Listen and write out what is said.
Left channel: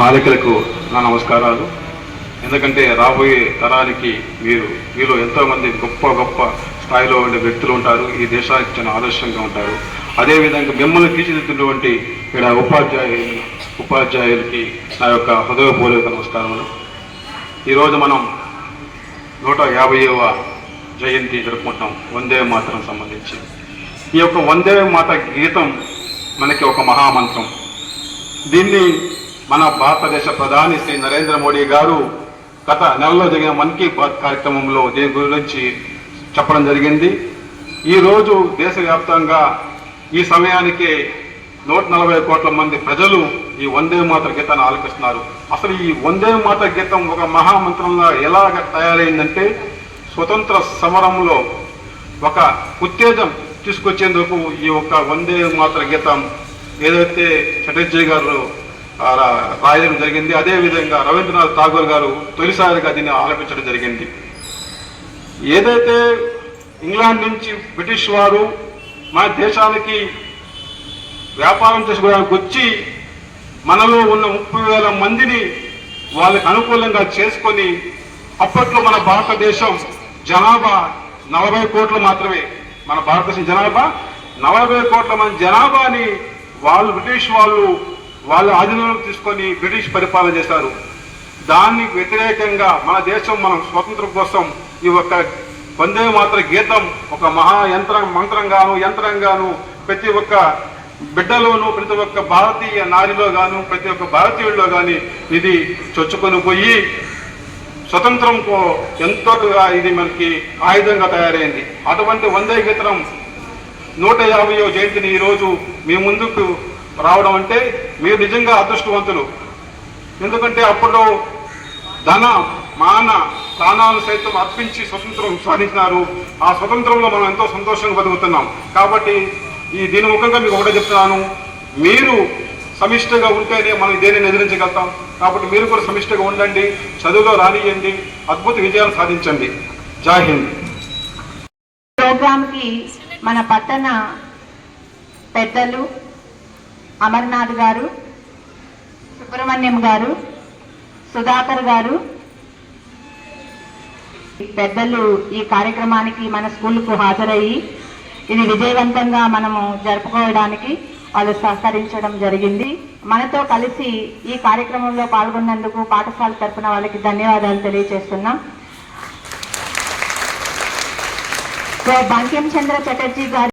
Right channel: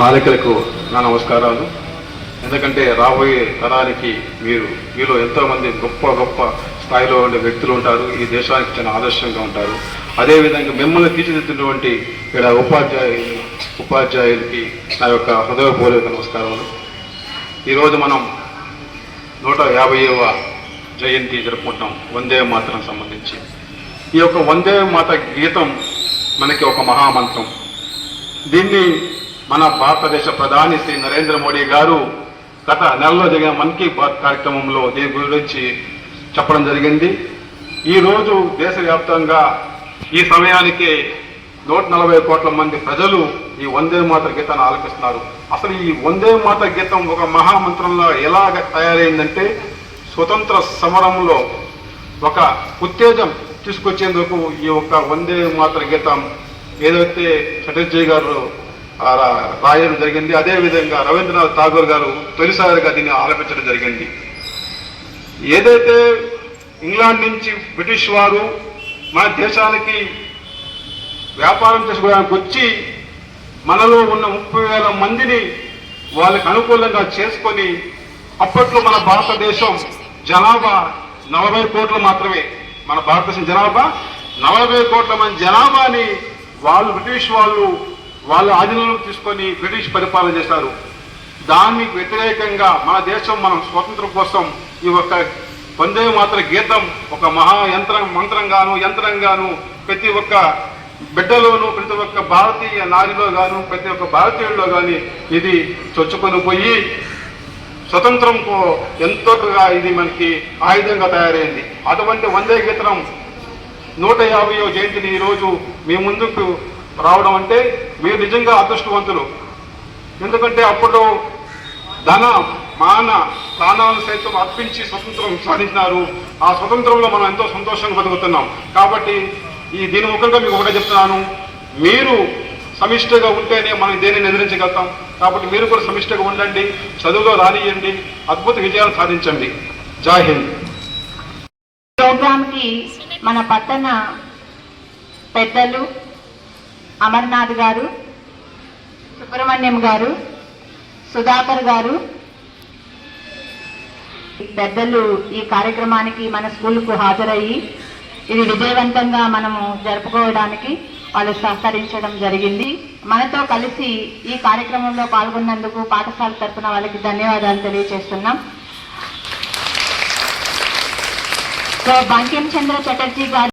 బాలికలకు నా నమస్కారాలు. ఎందుకంటే రాబోయే తరానికి మీలో ఎంతోమంది గొప్ప గొప్ప స్థాయిలో ఉండే వ్యక్తులు ఉంటారు. ఈ దేశానికి చాలా ఆదర్శంగా ఉంటారు. అదేవిధంగా మిమ్మల్ని తీర్చిదిద్దినటువంటి ఇక్కడ ఉపాధ్యాయులకి నా యొక్క హృదయపూర్వక నమస్కారములు. ఈరోజు మనం 150వ జయంతి జరుపుకుంటున్నాం వందే మాతరం సంబంధించి. ఈ యొక్క వందే మాత గీతం మనకి ఒక మహామంత్రం. దీన్ని మన భారతదేశ ప్రధాని శ్రీ నరేంద్ర మోడీ గారు గత నెలలో జరిగిన మన్ కీ బాత్ కార్యక్రమంలో దీని గురించి చెప్పడం జరిగింది. ఈరోజు దేశవ్యాప్తంగా ఈ సమయానికి 140 కోట్ల మంది ప్రజలు ఈ వందే మాతర గీతాన్ని ఆలపిస్తున్నారు. అసలు ఈ వందే మాతర గీతం ఒక మహామంత్రంగా ఎలాగ తయారైందంటే, స్వతంత్ర సమరంలో ఒక ఉత్తేజం తీసుకొచ్చేందుకు ఈ యొక్క వందే మాతర గీతం ఏదైతే చటర్జీ గారు రాయడం జరిగింది, అదేవిధంగా రవీంద్రనాథ్ ఠాగూర్ గారు తొలిసారిగా దీన్ని ఆలపించడం జరిగింది. ఏదైతే ఇంగ్లాండ్ నుంచి బ్రిటిష్ వారు మన దేశానికి వ్యాపారం చేసుకోవడానికి వచ్చి మనలో ఉన్న 30,000 మందిని వాళ్ళకి అనుకూలంగా చేసుకొని, అప్పట్లో మన భారతదేశం జనాభా 40 కోట్లు మాత్రమే. మన భారతదేశం జనాభా 40 కోట్ల మంది జనాభాని బ్రిటిష్ వాళ్ళు వాళ్ళ ఆధీనంలోకి తీసుకొని బ్రిటిష్ పరిపాలన చేశారు. దానికి వ్యతిరేకంగా మన దేశం మనం స్వాతంత్రం కోసం ఈ ఒక్క వందే మాతర గీతం ఒక మహా యంత్రంగాను ప్రతి ఒక్క బిడ్డలోను, ప్రతి ఒక్క భారతీయ నారిలో గాను, ప్రతి ఒక్క భారతీయుల్లో కానీ ఇది చొచ్చుకొని పోయి స్వతంత్రంకు ఎంతోగా ఇది మనకి ఆయుధంగా తయారైంది. అటువంటి వందే గీతం 150వ జయంతిని ఈరోజు మీ ముందుకు రావడం అంటే మీరు నిజంగా అదృష్టవంతులు. ఎందుకంటే అప్పుడు ధన మాన ప్రాణాలు సైతం అర్పించి స్వతంత్రం సాధించినారు. ఆ స్వతంత్రంలో మనం ఎంతో సంతోషంగా బతుకుతున్నాం. కాబట్టి దీని ముఖంగా మీకు ఒకటే చెప్తున్నాను, మీరు సమిష్టిగా ఉంటేనే మనం దేనిని ఎదిరించగలుగుతాం. కాబట్టి మీరు కూడా సమిష్టిగా ఉండండి, చదువులో రానియండి, అద్భుత విజయాన్ని సాధించండి. జై హింద్. ప్రోగ్రామ్కి మన పట్టణ పెద్దలు అమర్నాథ్ గారు, సుబ్రహ్మణ్యం గారు, సుధాకర్ గారు పెద్దలు ఈ కార్యక్రమానికి మన స్కూల్కు హాజరయ్యి ఇది విజయవంతంగా మనము జరుపుకోవడానికి వాళ్ళు సహకరించడం జరిగింది. మనతో కలిసి ఈ కార్యక్రమంలో పాల్గొన్నందుకు పాఠశాల తరఫున వాళ్ళకి ధన్యవాదాలు తెలియజేస్తున్నాం. సో బంకిం చంద్ర చటర్జీ గారు